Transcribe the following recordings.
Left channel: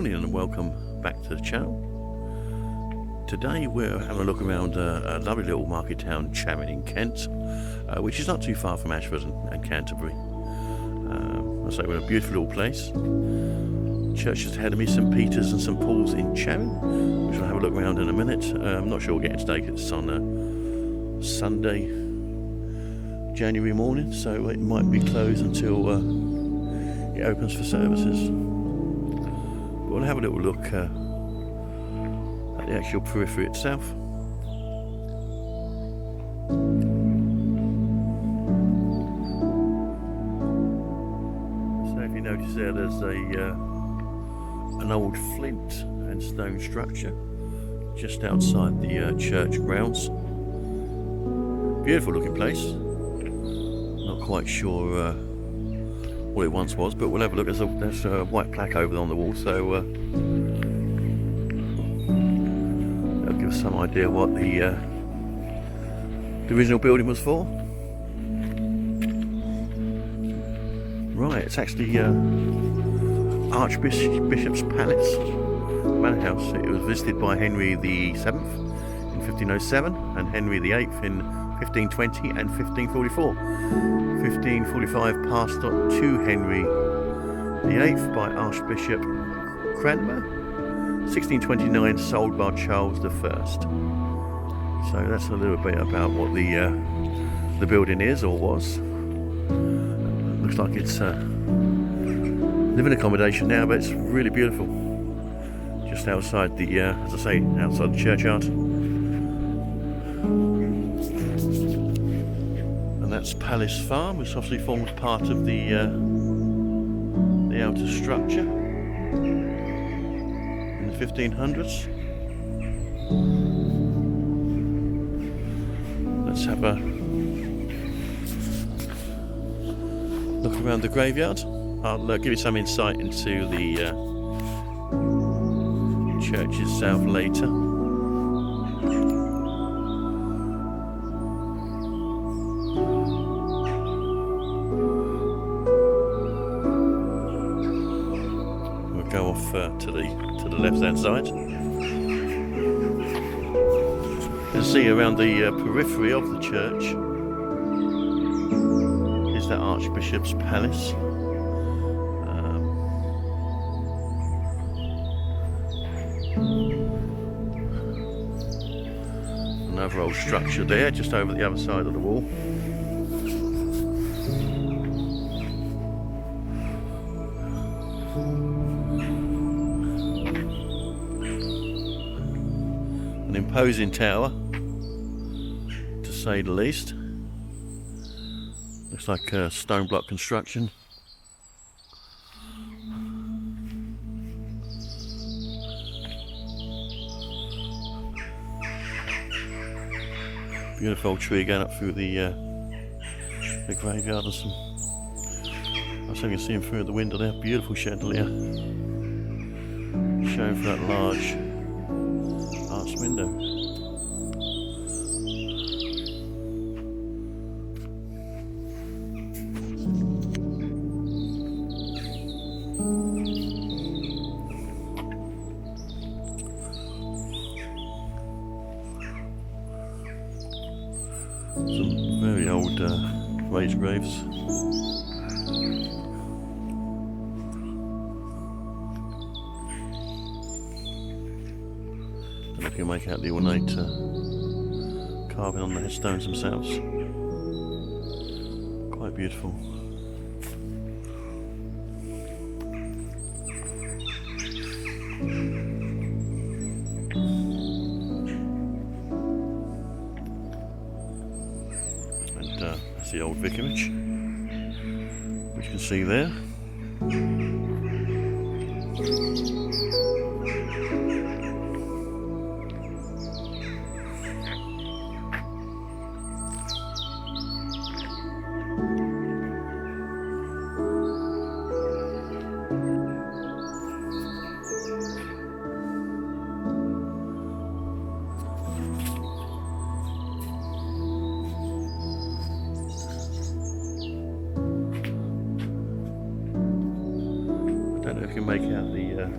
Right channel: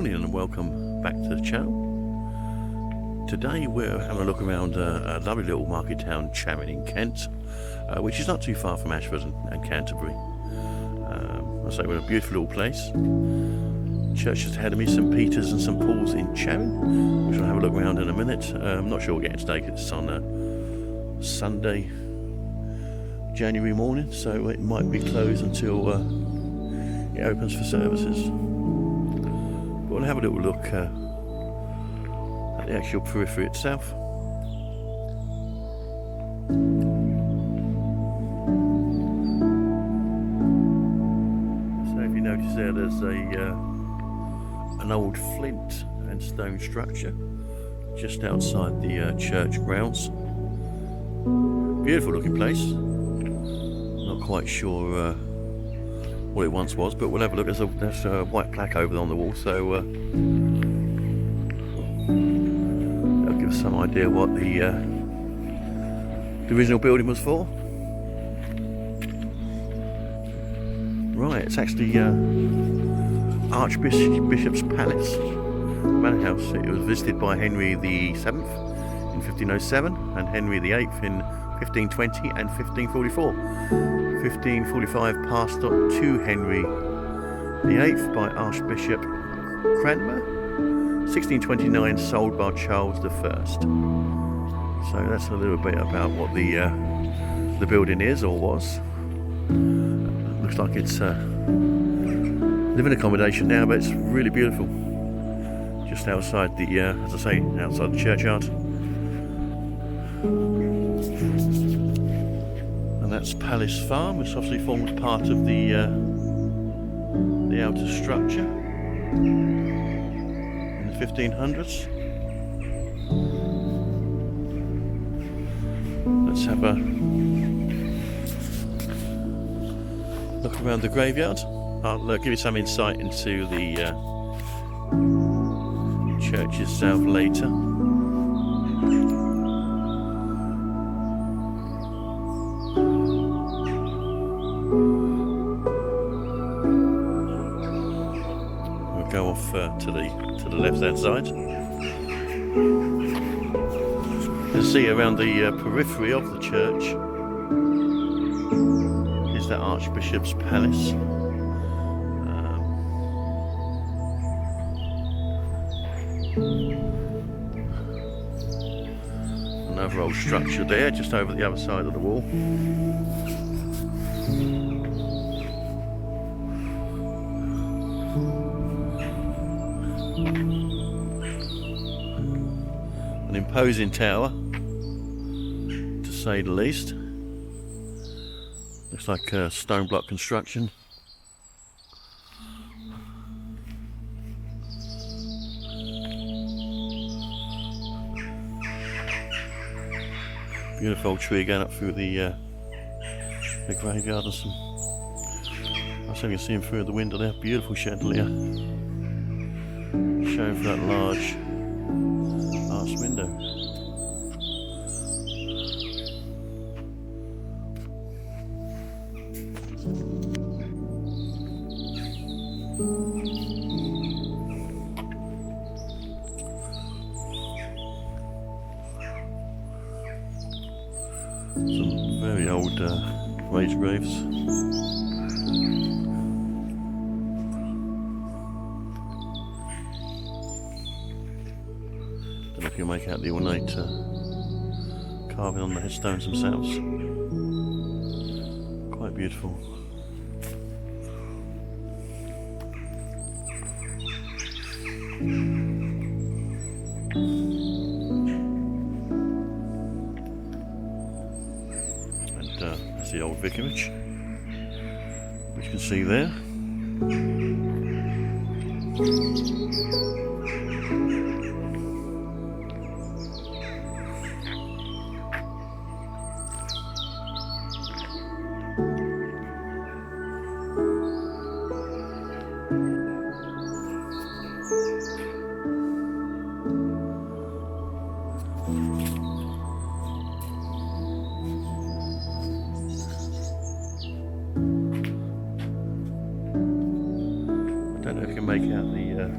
morning and welcome back to the channel. Today we're having a look around a lovely little market town, Charing Kent, which is not too far from Ashford and Canterbury. I say we're in a beautiful little place. Church just ahead of me, St Peter's and St Paul's in Charing, which we'll have a look around in a minute. I'm not sure we'll get into today because it's on a Sunday, January morning, so it might be closed until it opens for services. But we'll have a little look at the actual periphery itself. So if you notice there's an old flint and stone structure just outside the church grounds. Beautiful looking place. Not quite sure what it once was, but we'll have a look. There's a white plaque over on the wall, so that'll give us some idea what the original building was for. Right, it's actually Archbishop's Palace Manor House. It was visited by Henry VII in 1507 and Henry VIII in 1520 and 1544. 1545 passed on to Henry VIII by Archbishop Cranmer. 1629 sold by Charles I. So that's a little bit about what the building is or was. Looks like it's living accommodation now, but it's really beautiful. Just outside the, as I say, outside the churchyard. And that's Palace Farm, which obviously forms part of the outer structure in the 1500s. Let's have a look around the graveyard. I'll give you some insight into the church itself later. Go off to the left hand side. You can see around the periphery of the church is that Archbishop's Palace. Another old structure there just over the other side of the wall. An imposing tower, to say the least. Looks like a stone block construction. Beautiful old tree going up through the graveyard, and some. I think you can see him through the window there. Beautiful chandelier, showing through that large arched window. Some very old raised graves. Don't know if you can make out the ornate carving on the headstones themselves. Quite beautiful. That's the old vicarage, which you can see there. I don't know if you can make out the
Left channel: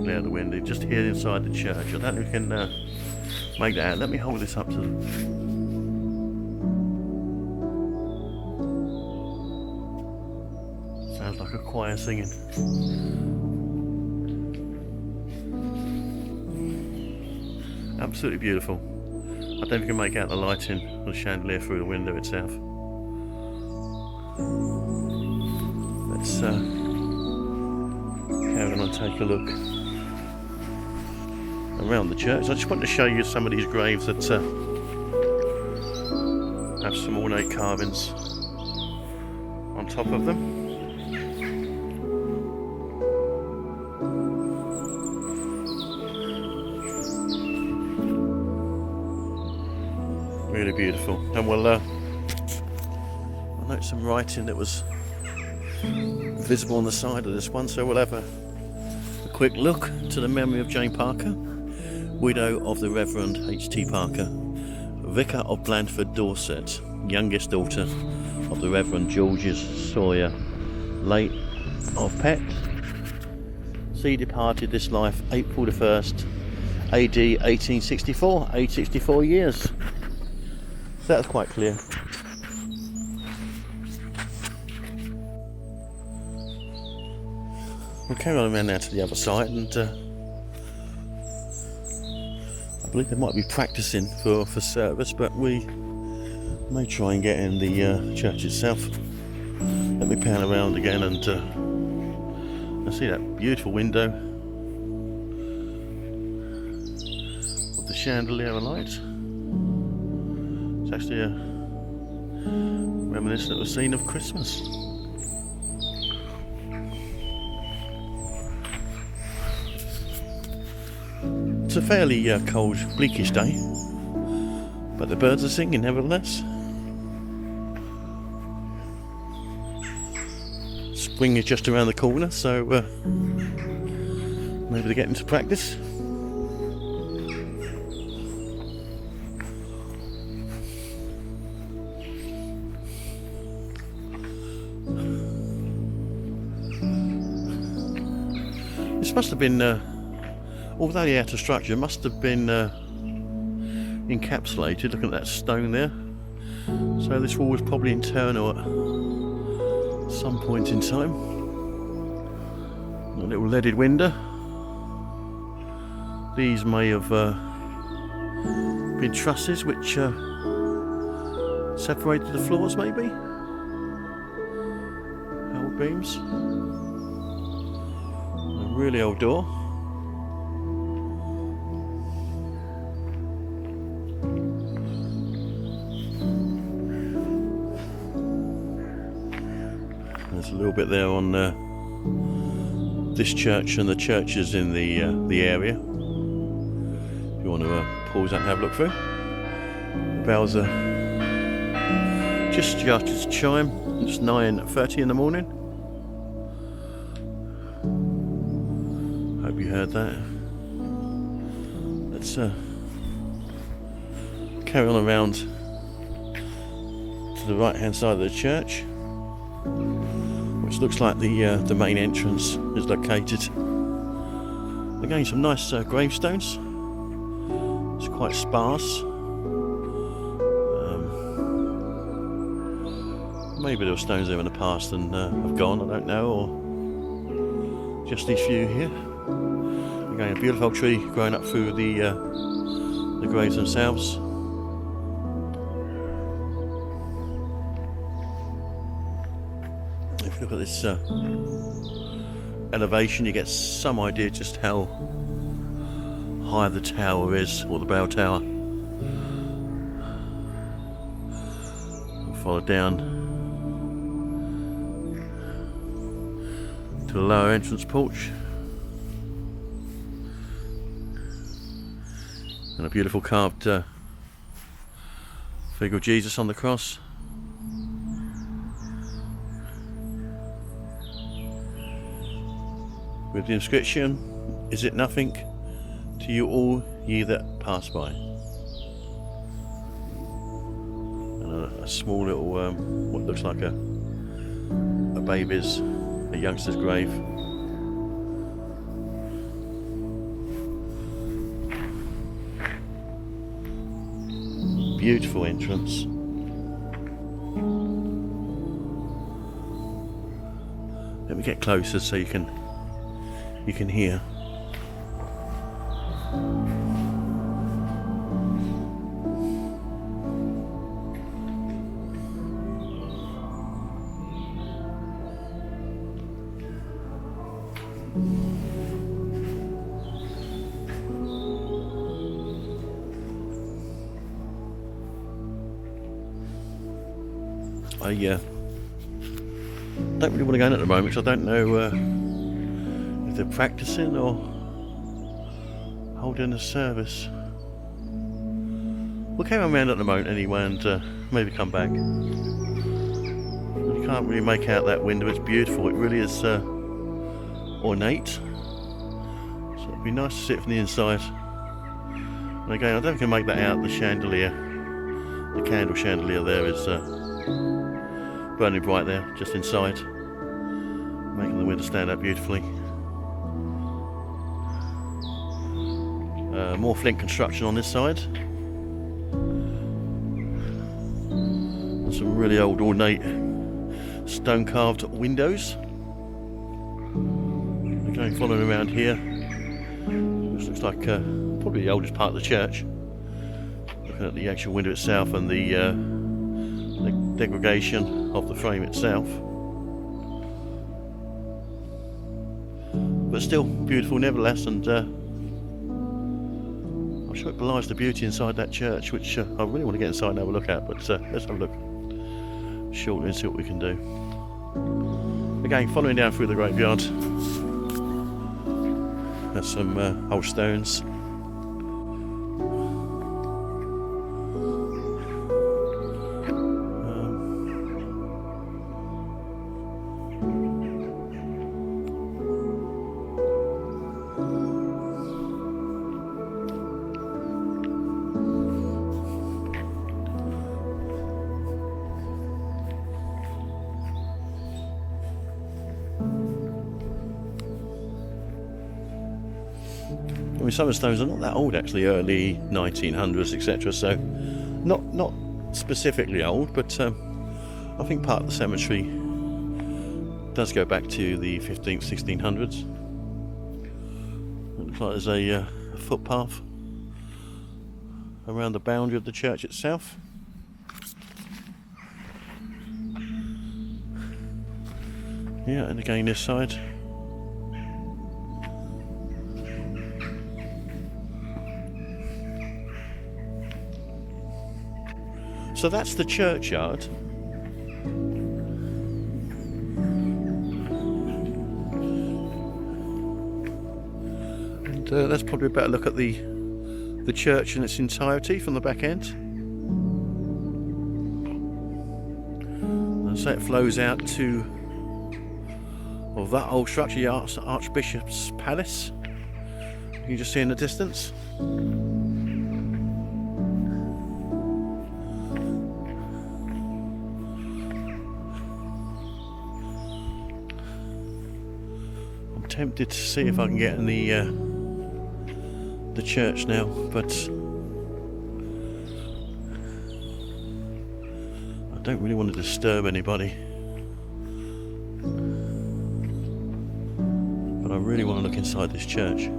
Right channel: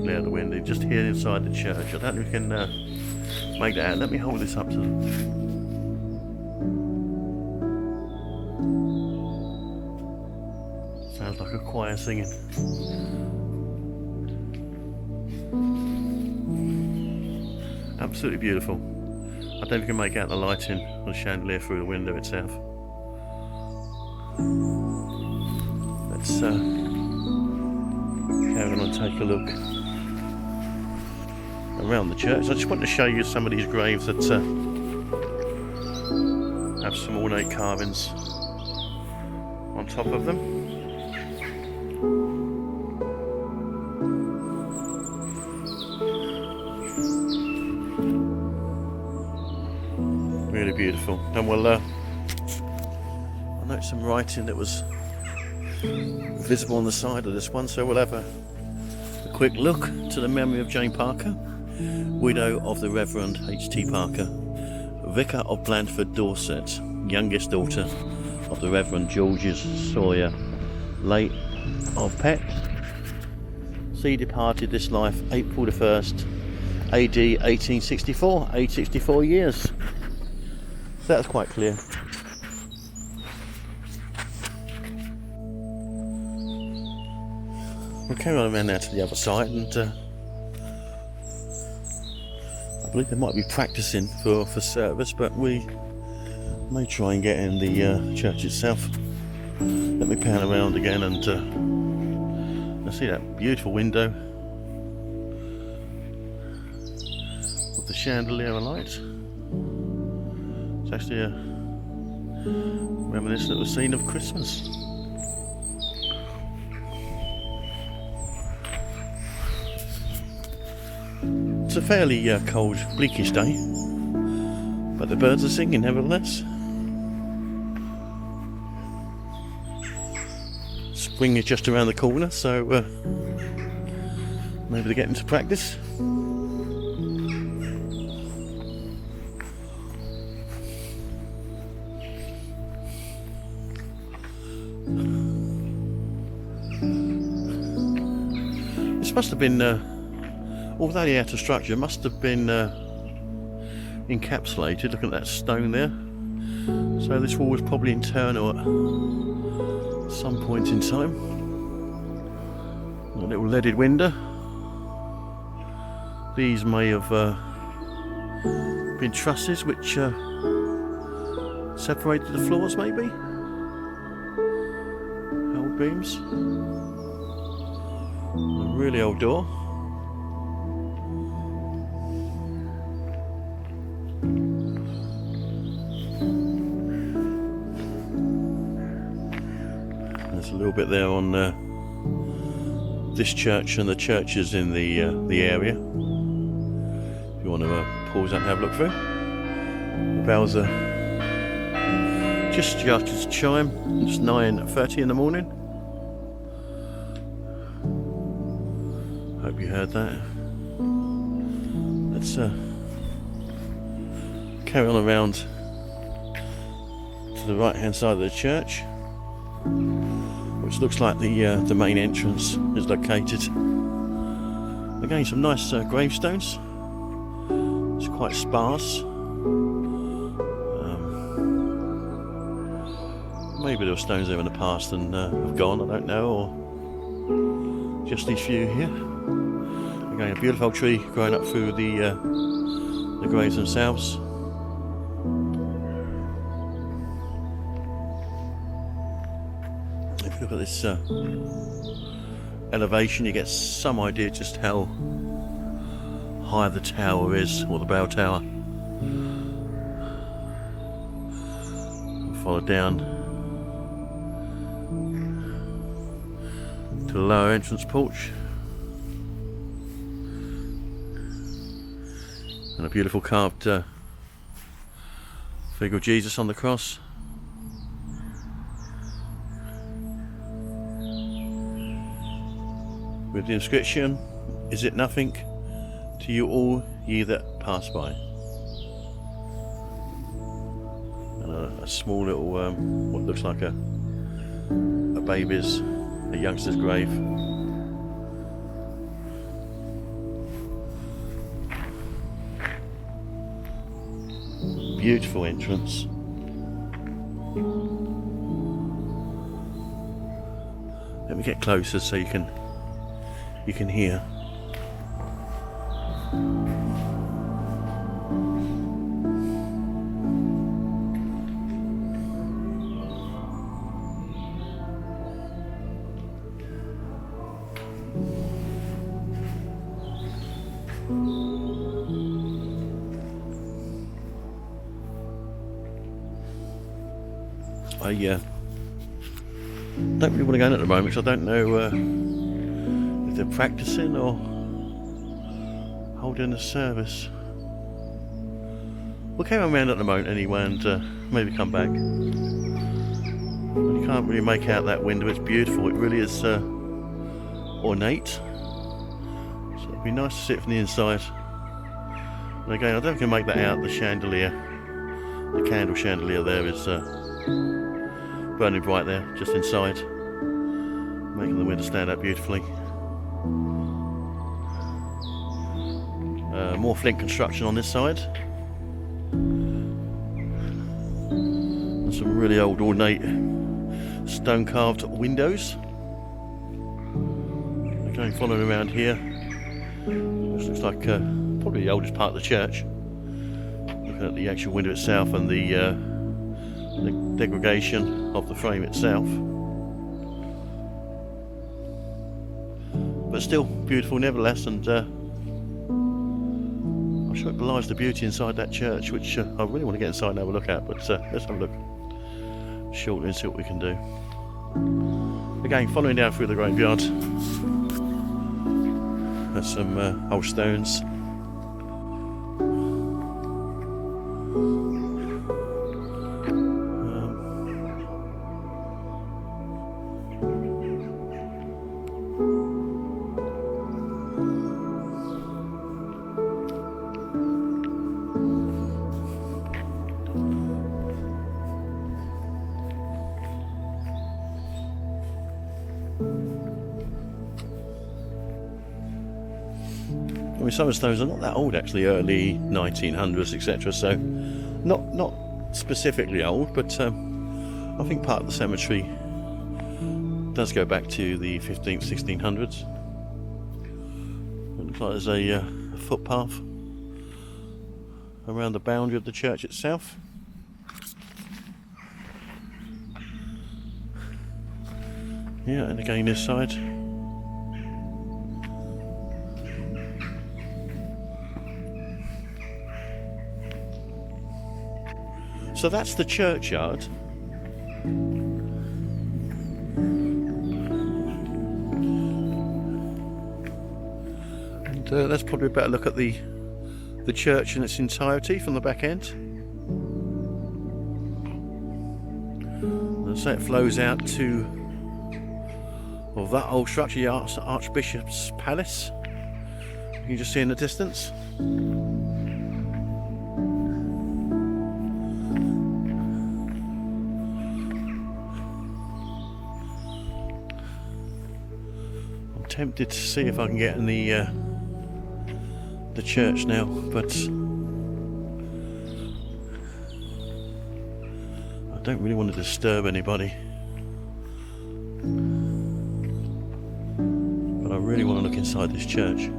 perfectly out the window, just here inside the church. I don't know if you can make that out. Let me hold this up to sounds like a choir singing. Absolutely beautiful. I don't know if you can make out the lighting on the chandelier through the window itself. Let's carry on and take a look around the church. I just want to show you some of these graves that have some ornate carvings on top of them. Really beautiful. And we'll I note some writing that was visible on the side of this one, so we'll have a quick look to the memory of Jane Parker, widow of the Reverend H.T. Parker, Vicar of Blandford, Dorset, youngest daughter of the Reverend Georges Sawyer, late of Pett. She departed this life April the 1st, AD 1864, aged 64 years. So that's quite clear. We'll carry on around now to the other side, and I believe they might be practicing for service, but we may try and get in the church itself. Let me pan around again and see that beautiful window with the chandelier alight. It's actually reminiscent of a scene of Christmas. It's a fairly cold, bleakish day, but the birds are singing nevertheless. Spring is just around the corner, so maybe they're getting to practice. This must have been, although the outer structure must have been encapsulated, looking at that stone there. So this wall was probably internal at some point in time. A little leaded window. These may have been trusses which separated the floors, maybe? Old beams. A really old door. There's a little bit there on this church and the churches in the area. If you want to pause that and have a look through. The bells are just started to chime. It's 9:30 in the morning. Hope you heard that. Let's carry on around to the right hand side of the church, which looks like the main entrance is located. Again, some nice gravestones. It's quite sparse. Maybe there were stones there in the past and have gone, I don't know, or just these few here. Again, a beautiful old tree growing up through the graves themselves. If you look at this elevation, you get some idea just how high the tower is, or the bell tower. We'll follow down to the lower entrance porch. And a beautiful carved figure of Jesus on the cross. With the inscription, "Is it nothing to you all ye that pass by?" And a small little, what looks like a youngster's grave. beautiful entrance. Let me get closer so you can hear. I don't really want to go in at the moment because I don't know if they're practicing or holding a service. We'll carry on around at the moment anyway and maybe come back. You can't really make out that window. It's beautiful. It really is ornate. So it'd be nice to see it from the inside. And again, I don't think I can make that out. The chandelier, the candle chandelier there is burning bright there, just inside, making the window stand out beautifully. More flint construction on this side, and some really old ornate stone carved windows. Again, following around here, this looks like probably the oldest part of the church. Looking at the actual window itself and the degradation of the frame itself, but still beautiful nevertheless, and I'm sure it belies the beauty inside that church, which I really want to get inside and have a look at, but let's have a look shortly and see what we can do. Again, following down through the graveyard, there's some old stones. I mean, some of the stones are not that old actually, early 1900s, etc. So not specifically old, but I think part of the cemetery does go back to the 15th, 1600s. It looks like there's a footpath around the boundary of the church itself. Yeah, and again this side. So that's the churchyard. And let's probably a better look at the church in its entirety from the back end. And so it flows out to that old structure, the Archbishop's Palace. You can just see in the distance. Tempted to see if I can get in the church now, but I don't really want to disturb anybody. But I really want to look inside this church.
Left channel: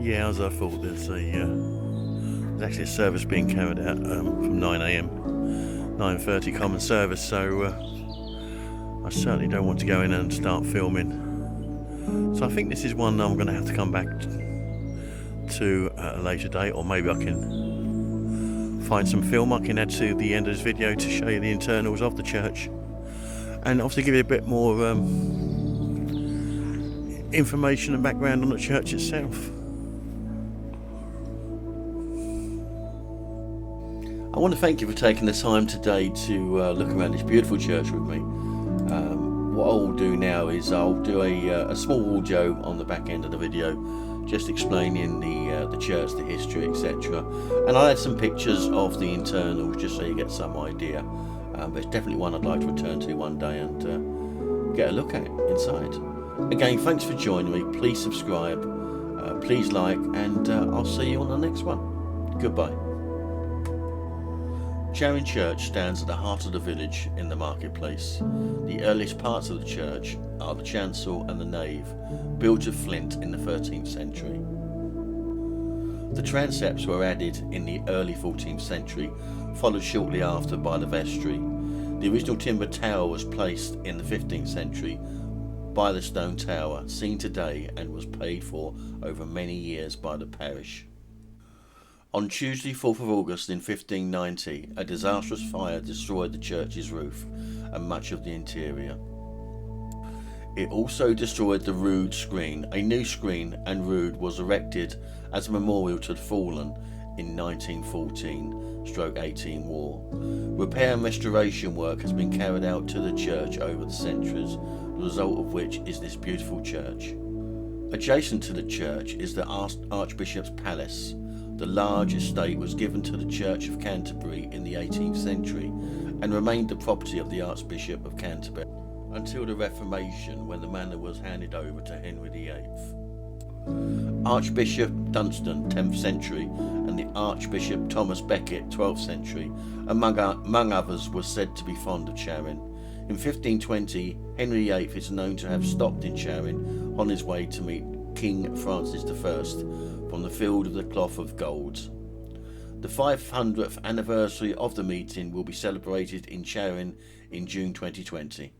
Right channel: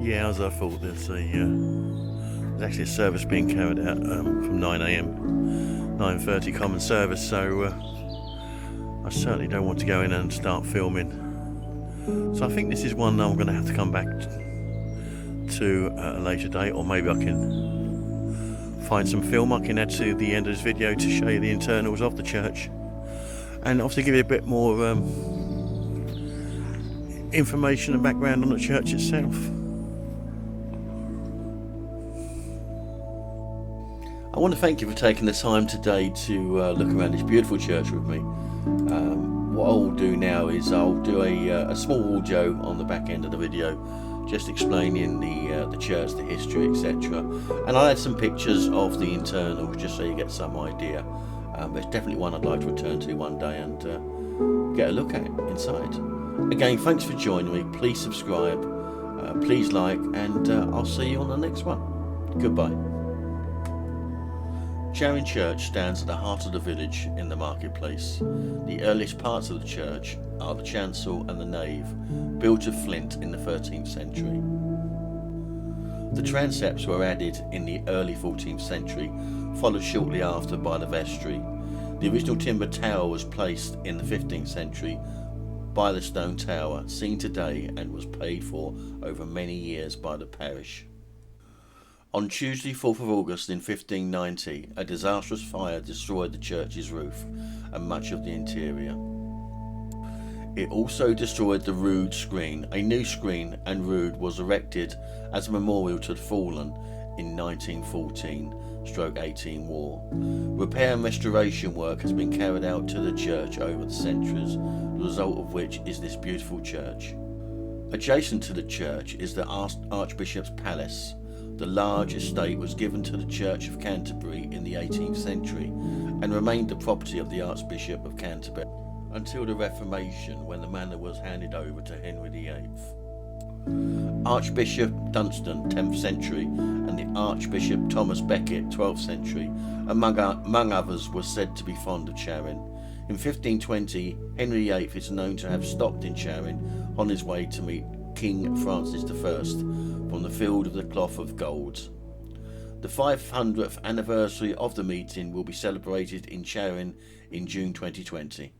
Yeah, as I thought, there's actually a service being carried out from 9 AM, 9:30 common service, so I certainly don't want to go in and start filming. So I think this is one I'm going to have to come back to at a later date, or maybe I can find some film I can add to the end of this video to show you the internals of the church, and obviously give you a bit more information and background on the church itself. I want to thank you for taking the time today to look around this beautiful church with me. What I'll do now is I'll do a small audio on the back end of the video, just explaining the church, the history, etc. And I'll add some pictures of the internals just so you get some idea. But it's definitely one I'd like to return to one day and get a look at inside. Again, thanks for joining me. Please subscribe, please like, and I'll see you on the next one. Goodbye. Charing Church stands at the heart of the village in the marketplace. The earliest parts of the church are the chancel and the nave, built of flint in the 13th century. The transepts were added in the early 14th century, followed shortly after by the vestry. The original timber tower was placed in the 15th century by the stone tower, seen today, and was paid for over many years by the parish. On Tuesday, 4th of August in 1590, a disastrous fire destroyed the church's roof and much of the interior. It also destroyed the rood screen. A new screen and rood was erected as a memorial to the fallen in 1914-18 war. Repair and restoration work has been carried out to the church over the centuries, the result of which is this beautiful church. Adjacent to the church is the Archbishop's Palace. The large estate was given to the Church of Canterbury in the 18th century and remained the property of the Archbishop of Canterbury until the Reformation, when the manor was handed over to Henry VIII. Archbishop Dunstan, 10th century, and the Archbishop Thomas Becket, 12th century, among others, was said to be fond of Charing. In 1520, Henry VIII is known to have stopped in Charing on his way to meet King Francis I from the field of the cloth of gold. The 500th anniversary of the meeting will be celebrated in Charing in June 2020.